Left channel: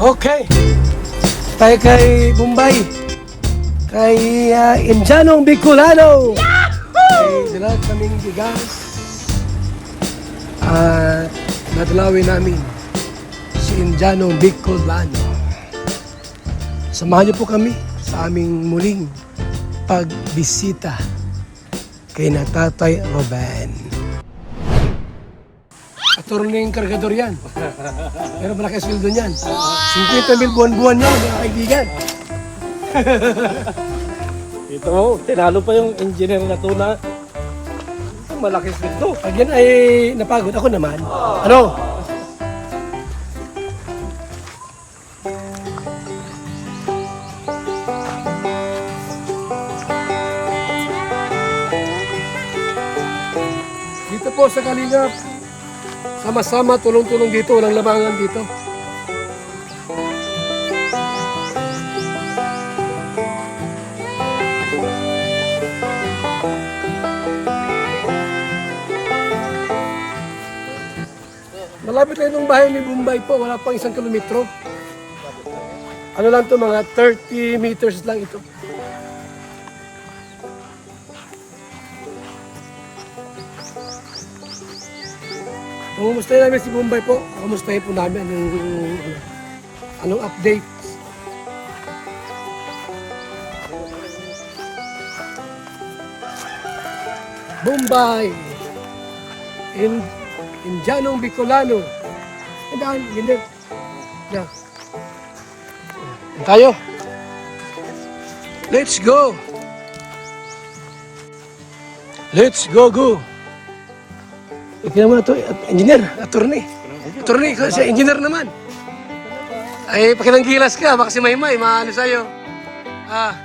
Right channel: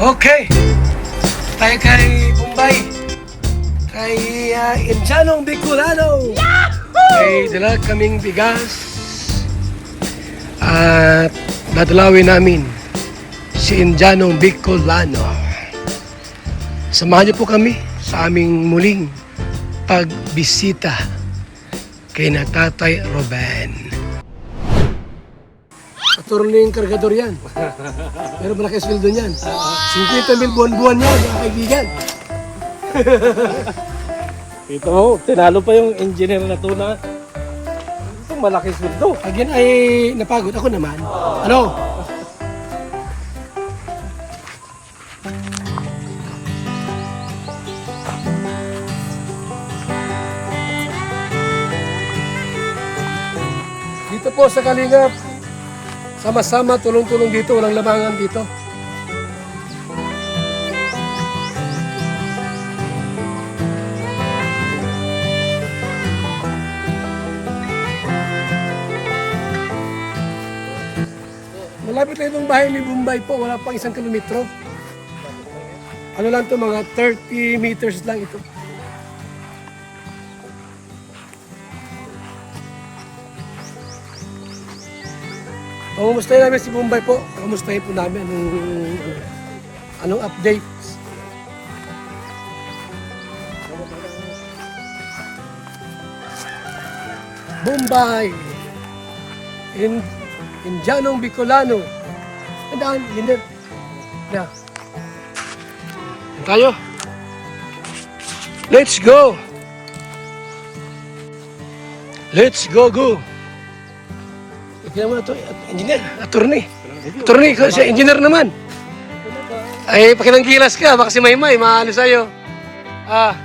Okay. Tayo kay Bombay. Kay Indianong Bicolano. May dala kaming bigas. At dadalawin namin si Indianong Bicolano. Samahan niyo po kami sa aming muling pagbisita kay na Tatay Ruben. Turning kargador yan. Pero malaki sweldo niyan. 50,000 buwan-buwan yan, mga kaibigan. Ito, tinalo pa yung engineer na to na ito, malaki sweldo. Pag yan ay napagod, ako naman. Ano? Dito po sa Kalingap, sama-sama, tulong-tulong dito, walang labangan dito. Malapit na itong bahay ni Bombay po, wala pang 1 kilometro. Ano lang to, mga 30 meters lang ito. Kumustahin namin si Bombay po. Kumustahin po namin anong update. Bombay. Indianong Bicolano. Andaan, hindi. Yeah. Tayo. Let's go. Let's go. Ipinam mo na ito, engineer, attorney. Attorney, siya engineer naman. Ay, pakinanggilas ka, baka si Maymay, maano sa'yo. Ha?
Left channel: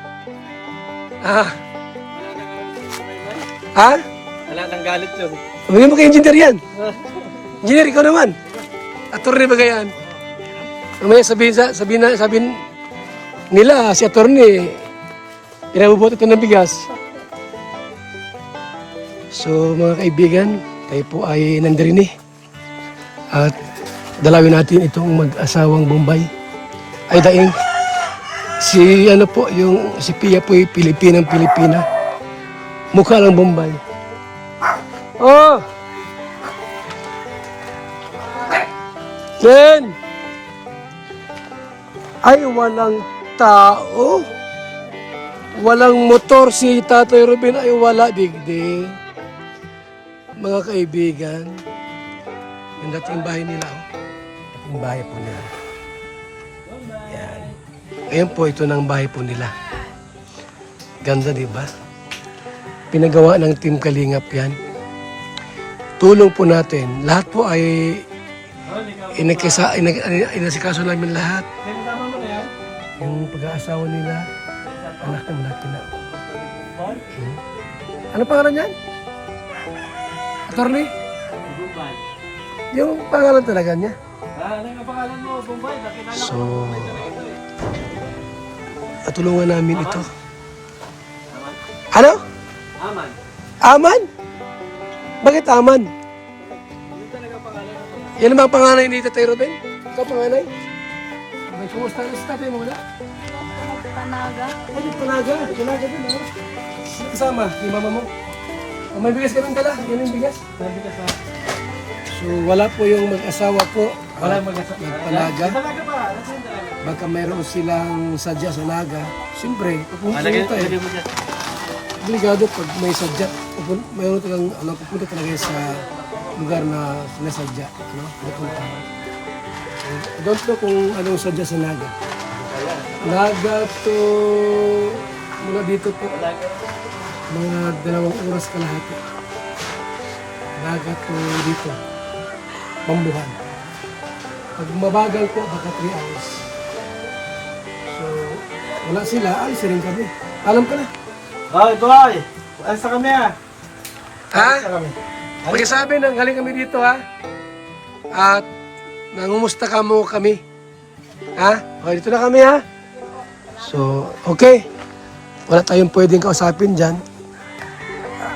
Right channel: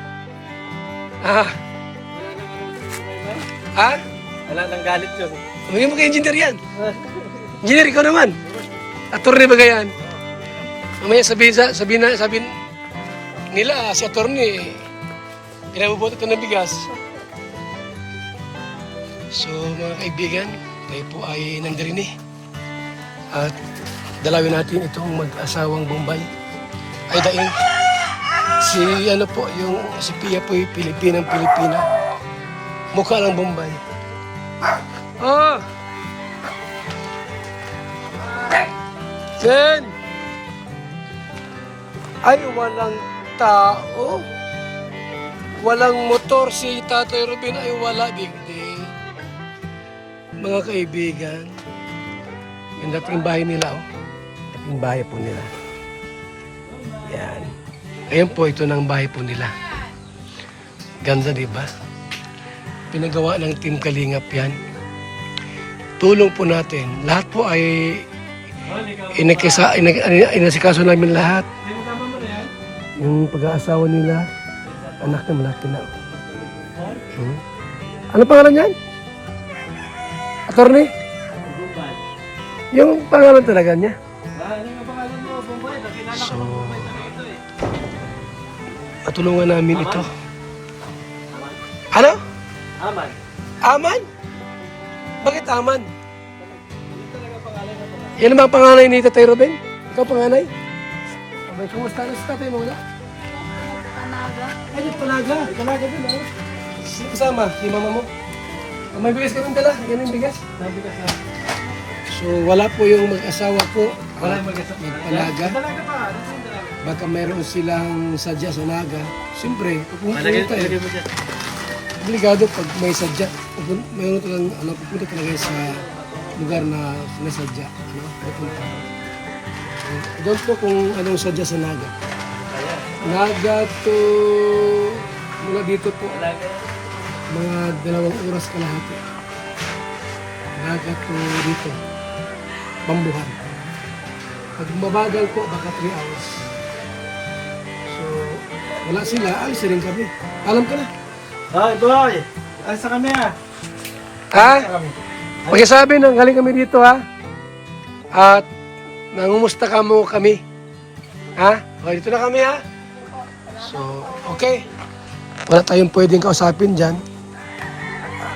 Wala nang galit yun. Huwag mo kay engineer yan. Engineer, ikaw naman. Attorney ba yan? Mamaya sabihin nila, si attorney, pinabubot ito ng bigas. So, mga kaibigan, tayo po ay nandirini at dalawin natin itong mag-asawang Bombay. Ay daing si si Pia po ay Pilipina. Mukha lang Bombay. Oh! Ken! Ay walang tao. Walang motor si Tatay Ruben, ay wala digdi. Mga kaibigan, yung dating bahay nila, yung bahay po nila. Yan. Ayan po, ito na ang bahay po nila. Ganda, di ba? Pinagawa ng Team Kalingap yan. Tulong po natin. Lahat po ay inasikaso namin lahat. Yung pag-aasawa nila, anak na malaki na. Ano pangalan yan? Attorney? Bombay. Yung pangalan talaga niya. Ano yung pangalan mo, Bombay? So, patulungan namin ito. Ano? Aman. Aman? Bakit Aman? Ano talaga pangalan na to? Yan ang panganay ni Tatay Ruben? Ikaw panganay? May kumusta na sa tatay mo wala? Panaga. Ay, yung Panaga. Panaga din, oh. Sino kasama? Yung mama mo? Oh, may bigas ka rin dala. Yan yung bigas. Sabi ka sa... So, wala po yung mag-asawa po. Wala mag-asap. Nagpanaga. Baka mayroon silang sadya sa Naga. Siyempre, pupunta tayo. Obligado pag may sadya. Mayroon talagang, pupunta talaga sa lugar na sinasadya. Pupunta. I don't know kung anong sadya sa Naga. Naga to... Mula dito po. Mga 2 oras kalahati. Naga to dito. Bambuhan. Pag mabagal po, baka 3 hours. So, wala sila, alis na rin kami. Alam ka na. Ito ay! Alas na kami ah! Ha? Pagkasabi nang galing kami dito ha. At nangumusta ka mo kami. Ha? Okay, dito na kami ha. So, okay. Wala tayong pwedeng kausapin dyan.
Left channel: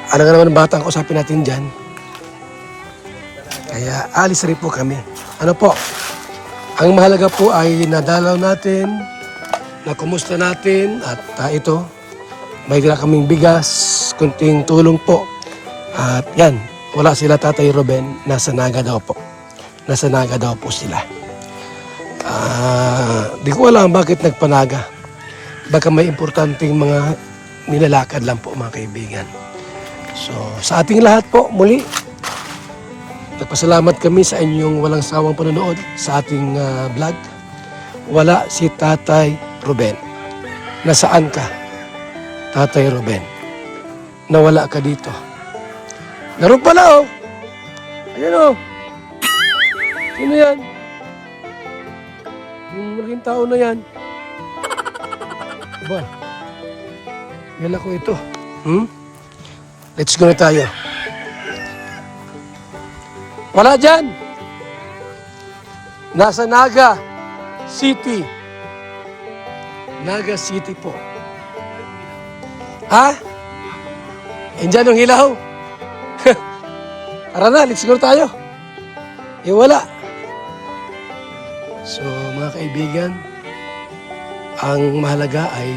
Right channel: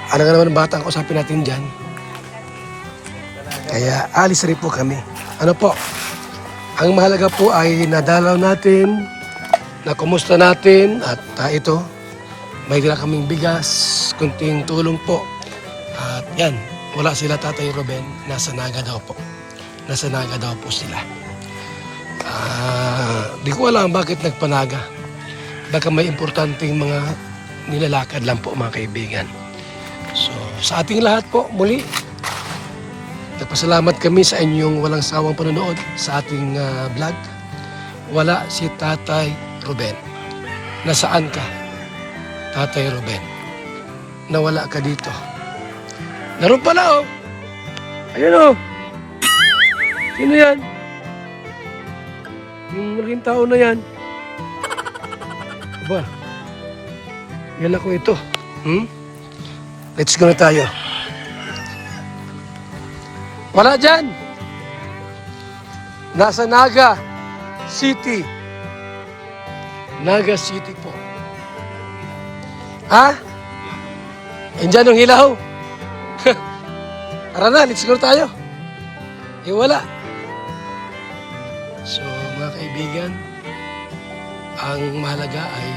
Ano nga naman ang bata ang kausapin natin dyan. Kaya alis rin po kami. Ano po? Ang mahalaga po ay nadalaw natin, na kumusta natin at ito, may gila kaming bigas, kunting tulong po. At yan, wala sila Tatay Ruben, nasa Naga daw po. Nasa Naga daw po sila. Di ko alam bakit nagpanaga. Baka may importanteng mga nilalakad lang po mga kaibigan. So sa ating lahat po muli, nagpasalamat kami sa inyong walang sawang panonood sa ating vlog. Wala si Tatay Ruben. Nasaan ka, Tatay Ruben? Nawala ka dito. Naroon pala oh. Ayun oh. Sino yan? Yung malaking tao na yan. Aba, yan ako ito. Let's go na tayo. Wala dyan. Nasa Naga City. Naga City po. Ha? Andyan yung hilaw. Tara na, let's go tayo. Eh wala. So mga kaibigan, ang mahalaga ay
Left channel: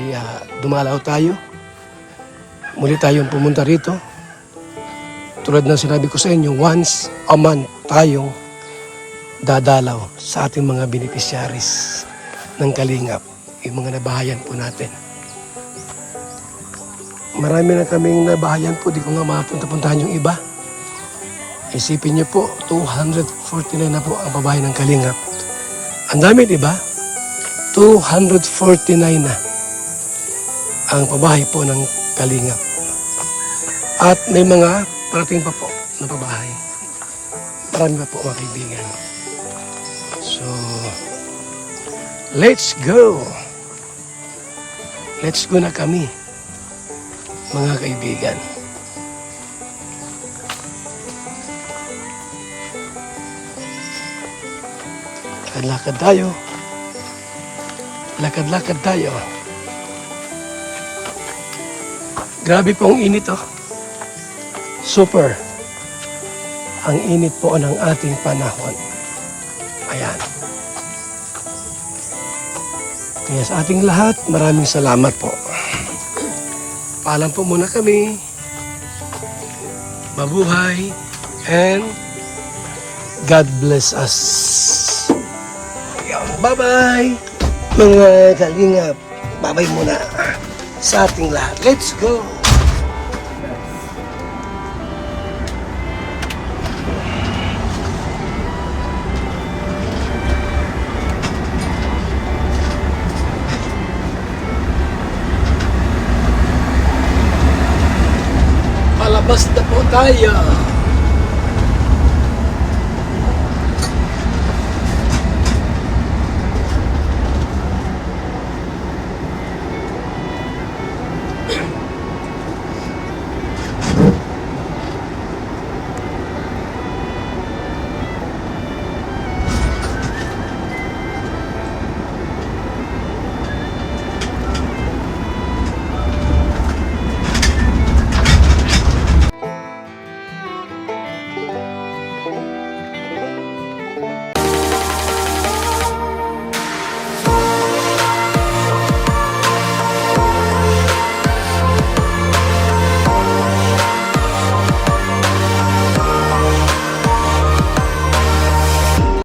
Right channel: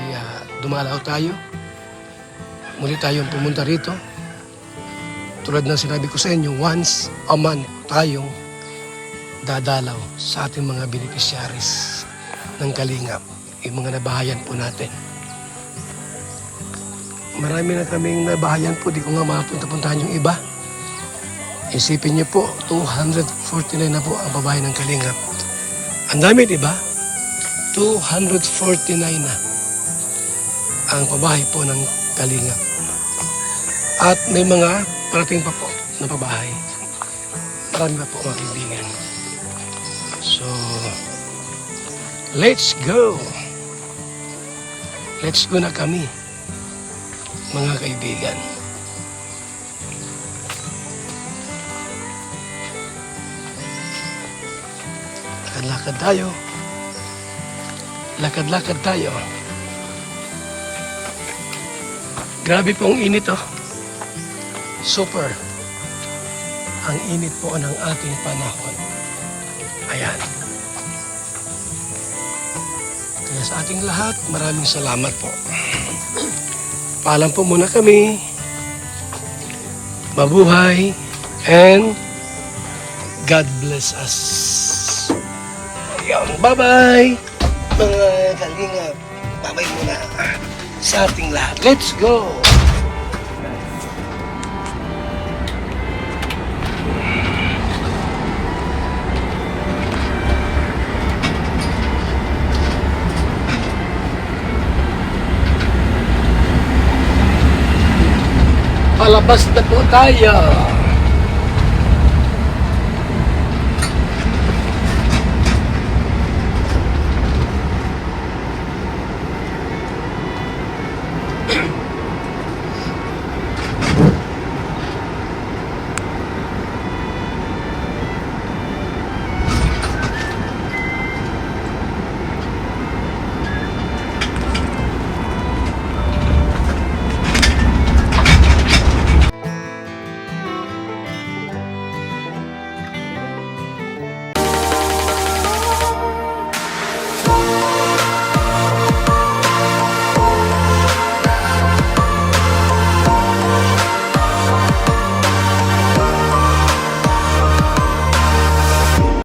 dumalaw tayo. Muli tayong pumunta rito. Tulad ng sinabi ko sa inyo, once a month tayong dadalaw sa ating mga beneficiaries ng Kalingap, yung mga nabahayan po natin. Marami na kaming nabahayan po, di ko nga makapunta-puntahan yung iba. Isipin niyo po, 249 na po ang pabahay ng Kalingap. Ang dami, di ba? 249 na ang pabahay po ng Kalingap. At may mga parating pa po na pabahay. Marami pa po mga kaibigan. So, let's go! Let's go na kami, mga kaibigan. Lakad-lakad tayo. Lakad-lakad tayo. Grabe pong init oh. Super. Ang init po ng ating panahon. Ayan. Kaya sa ating lahat, maraming salamat po. Paalam po muna kami. Mabuhay and God bless us. Ayan, bye-bye mga Kalingap. Bye-bye muna sa ating lahat. Let's go! Palabas na po tayo.